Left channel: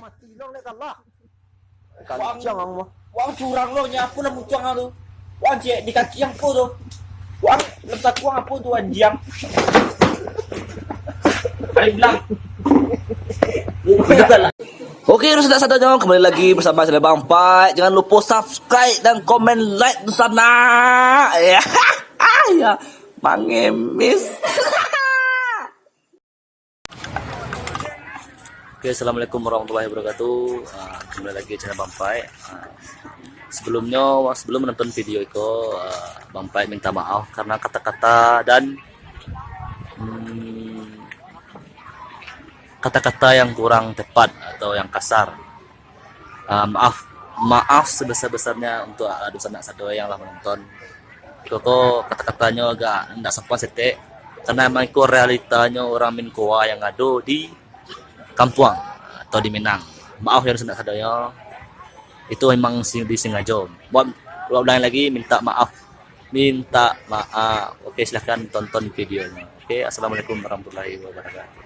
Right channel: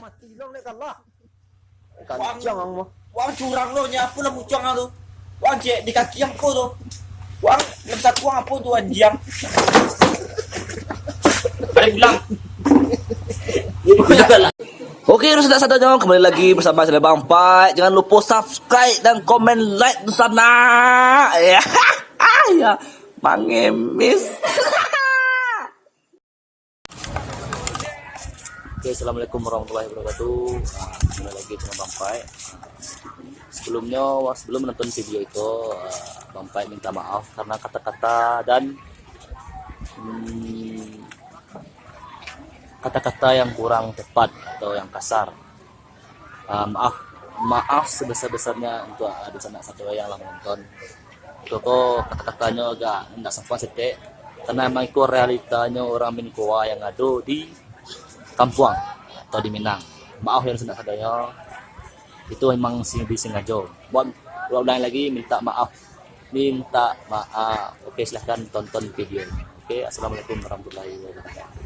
mati long lek kalah. Kancang ang mo. Wang curang lo nya apa lah mucang lo. Wang cek di kaki yang ko tu. Wang lebih kuang apa tu anjang. Ada bilang. Oke, sudah saatnya kembali lagi bersama saya Bang Pai. Jangan lupa subscribe dan komen like di sana. Ya, ya, mangemis. Oke, assalamualaikum warahmatullahi wabarakatuh. Kembali lagi channel Bang Pai. Sebelum menonton video itu, Bang Pai minta maaf karena kata-kata dan kata-kata yang kurang tepat atau yang kasar. Maaf sebesar-besarnya untuk dosa anak sadaya yang lah menonton. Koko kata-katanya agak tidak sopan setek karena memang itu realitanya orang Minkoa yang ada di Kampung atau di Minang. Maaf yang dosa anak sadaya. Itu memang disengaja. Buat ulang lagi minta maaf. Oke, silahkan tonton videonya. Oke, assalamualaikum warahmatullahi wabarakatuh.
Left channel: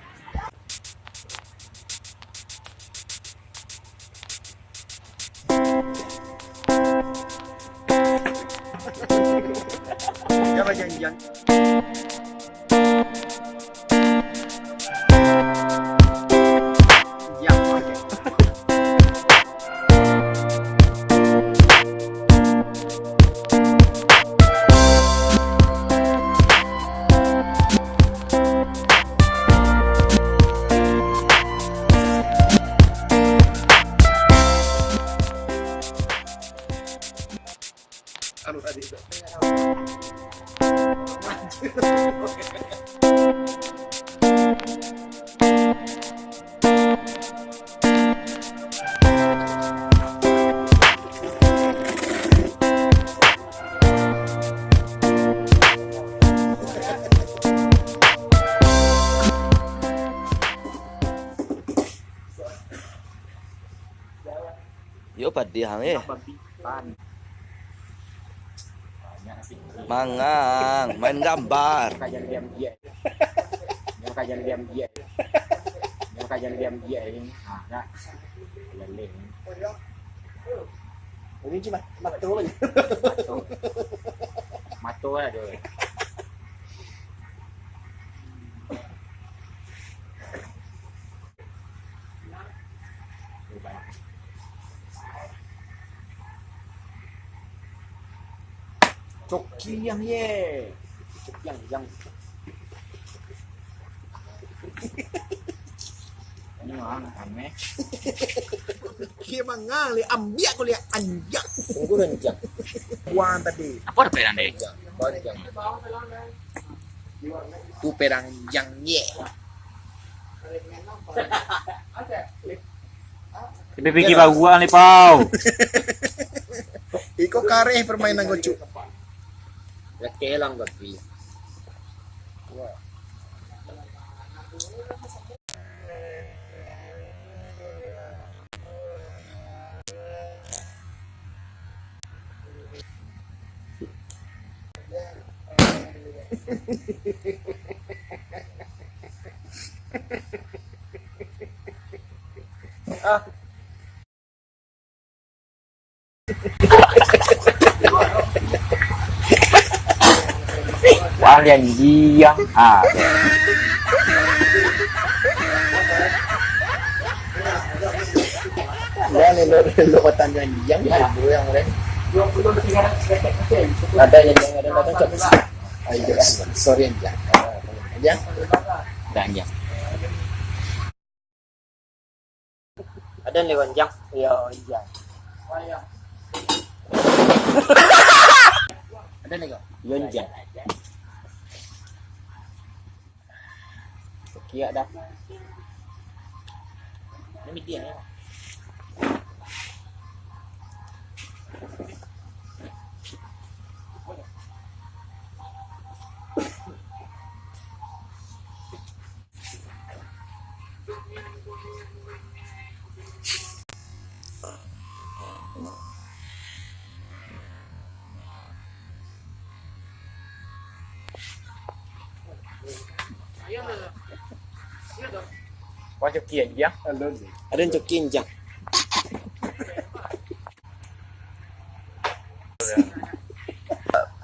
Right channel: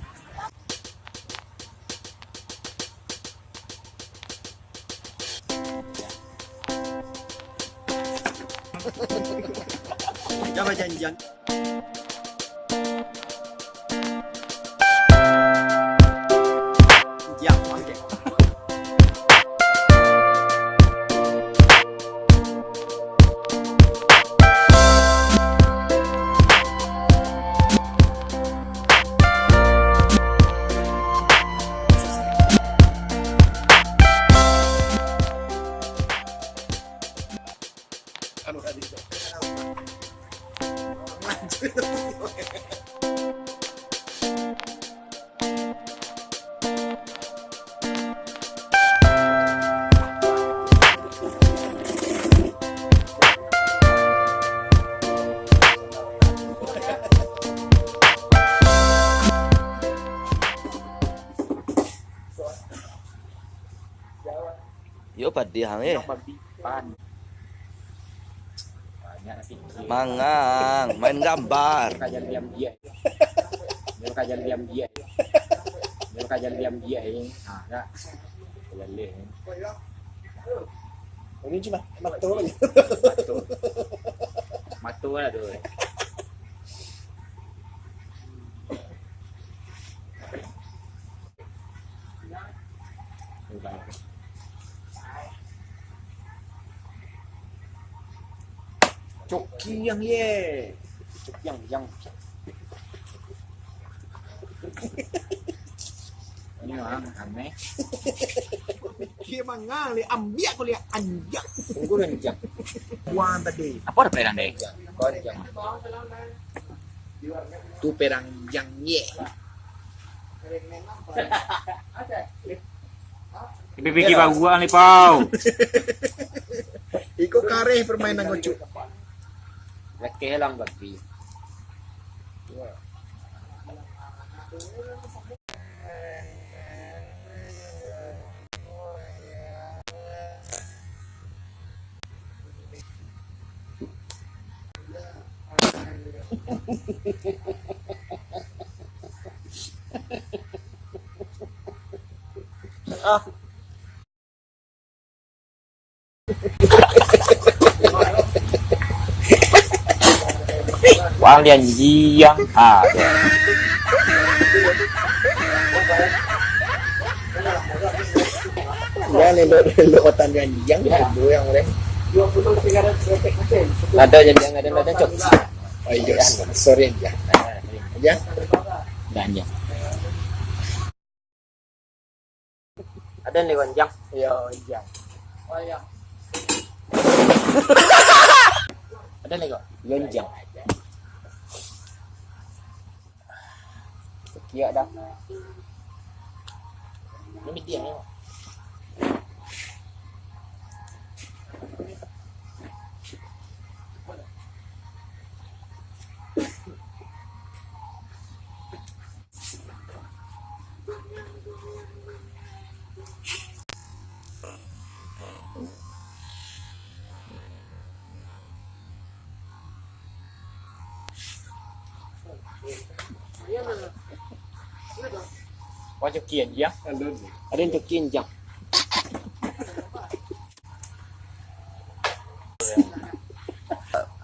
Jangan janjian. Anu tadi itu. Yo padi hang mangang main gambar. Ini cuma matu aja. Matu ada. Coki yang ye. Coki yang. Ini orang aneh. Kia mangang li ambiak ko li anjak. Tunggu renjang. Wan tadi. Apa ada perang deh? Konjang. Tu perang yang ye. Tapi pikir gua nih pau. Iko kareh permainan gocu. Lekelang bagi. Wang lian jiang Ya lelo kotan yang yang boleh. ada cok. Ayo, sorry ya. Ya. Ganjang. Ada lewat jang. Ya, ya. Ada nih kok. Yonjang. Kia dah. Ini dia ya. Wang Jokian ya. Ada yang cokin jang.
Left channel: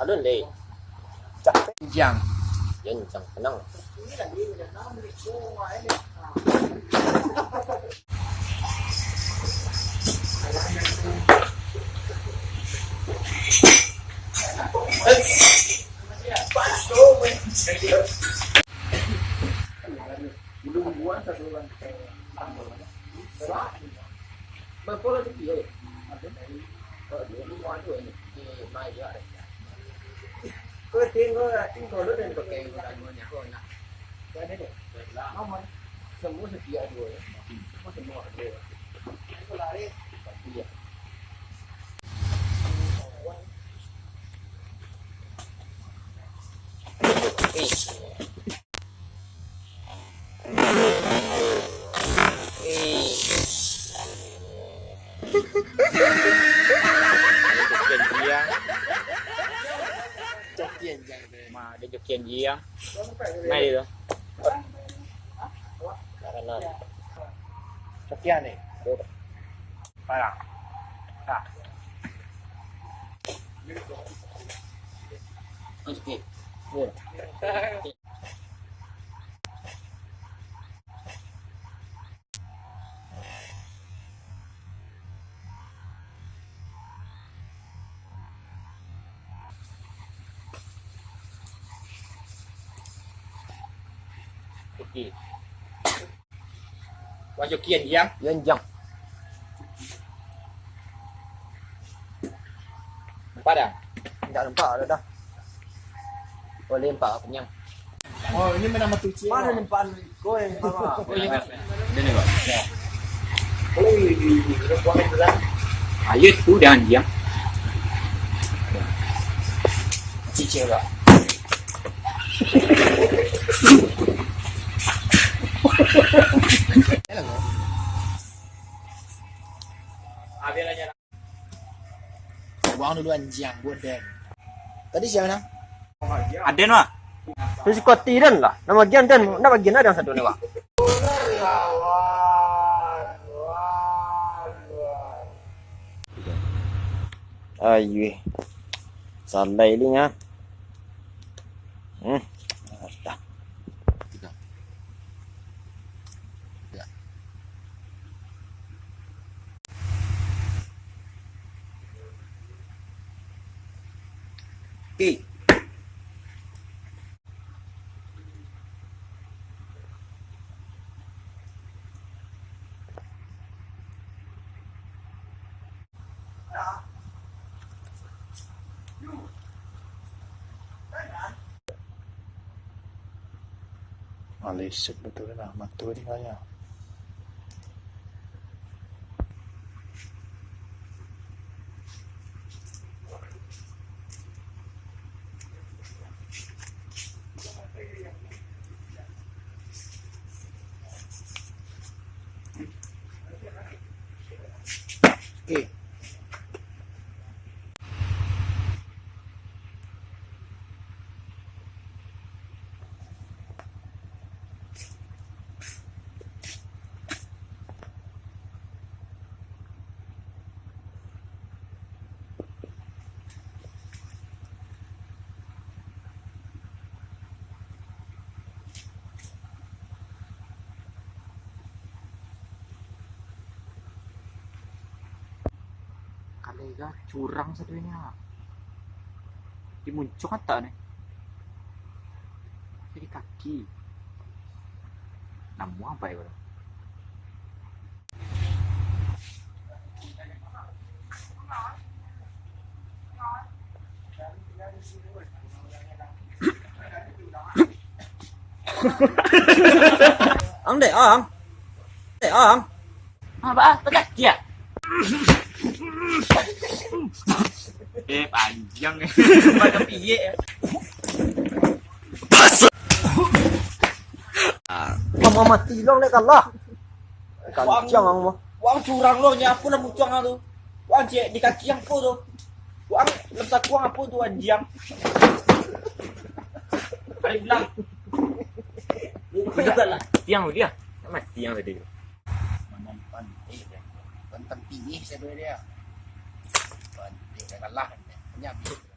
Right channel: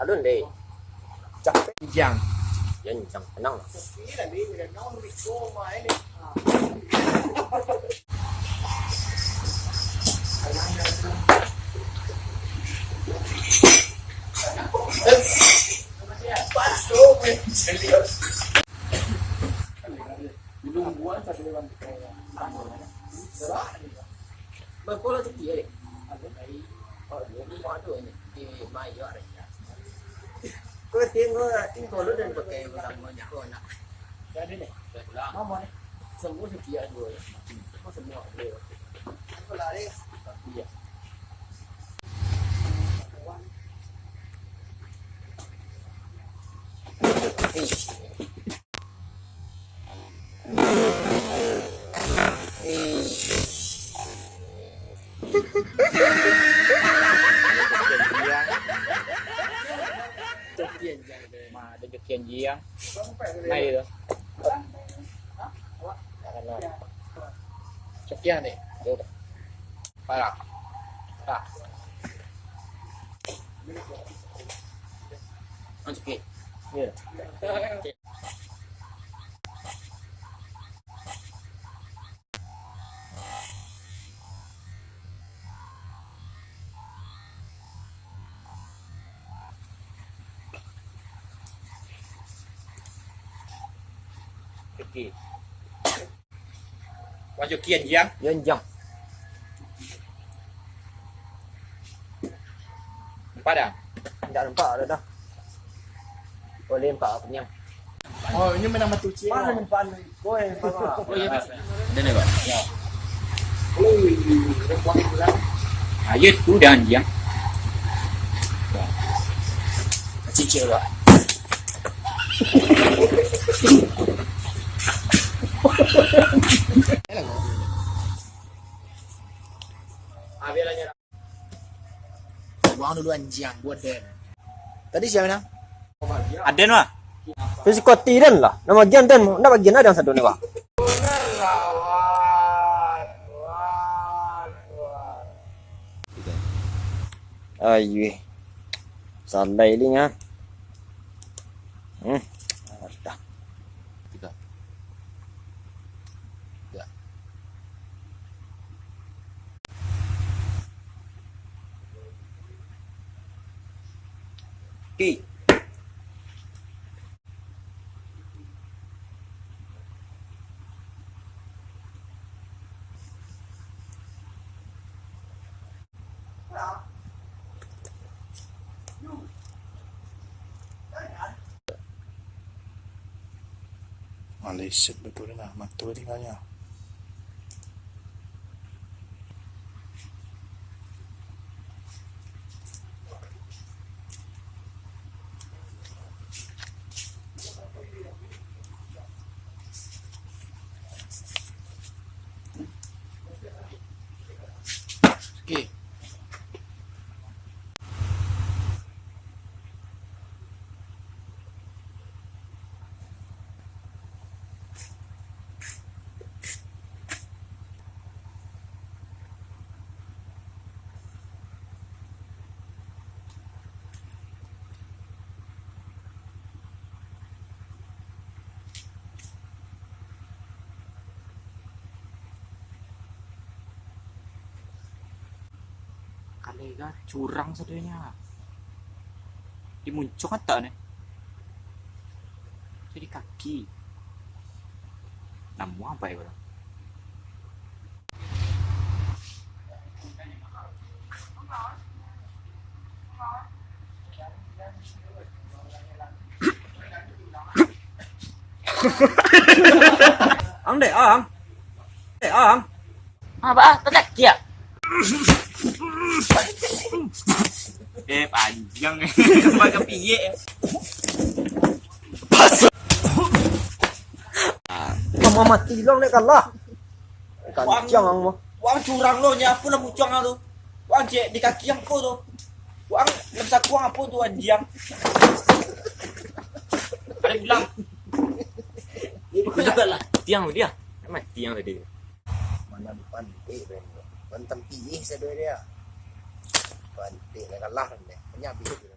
Alun deh. Jang. Yan chẳng năng. Berpola cekik ni. Di luar tu ni. Di mai juga ada. Kau tinggal lu dan pakai namanya kau nak. Jadi ni. Semua setiap dua. Semua dua. Kau lari. Iya. Mà để Jokian gì á. Này rồi. Kanan. Cokian ni. Dia Parah. okey. Ni. Okey. Wang Jokian ya. Yan jang. Padang. Tak nampak dah dah. Boleh nampak apa ni? Oh, ini memang nama tuci. Mana nampak kau yang sama? Oh iya, ini nih Pak. Ayo tu dan dia. Cicil lah. Buang dulu anjing buat den. Tadi siapa nak? Aden mah. Tu si Koti dan lah. Nama bagian dan nak bagian ada yang satu ni wah. Ayo. Salai ni ya. Dah. Tiga. Okey. Malaysia betul lah, matul tinggalnya. Okey. Kalega curang sadanya. Dimuncul kan tak nih? Jadi kaki. Namu apa ya bro? Ang deh, ang. Ang. Apa? Tetek dia. Panjang macam piye ya. Mama mati dong nek kalah. Kancang ang mo. Wang curang lo nyapu lah muncang tu. Wang cek di kaki yang kau tu. Wang lemsa kuang apa tu anjang. Ada bilang. Juga lah. Tiang dia. mati yang tadi. Mana pantik ben. Pan tempi saya dia. Pantik dah kalah ni. Banyak bisik.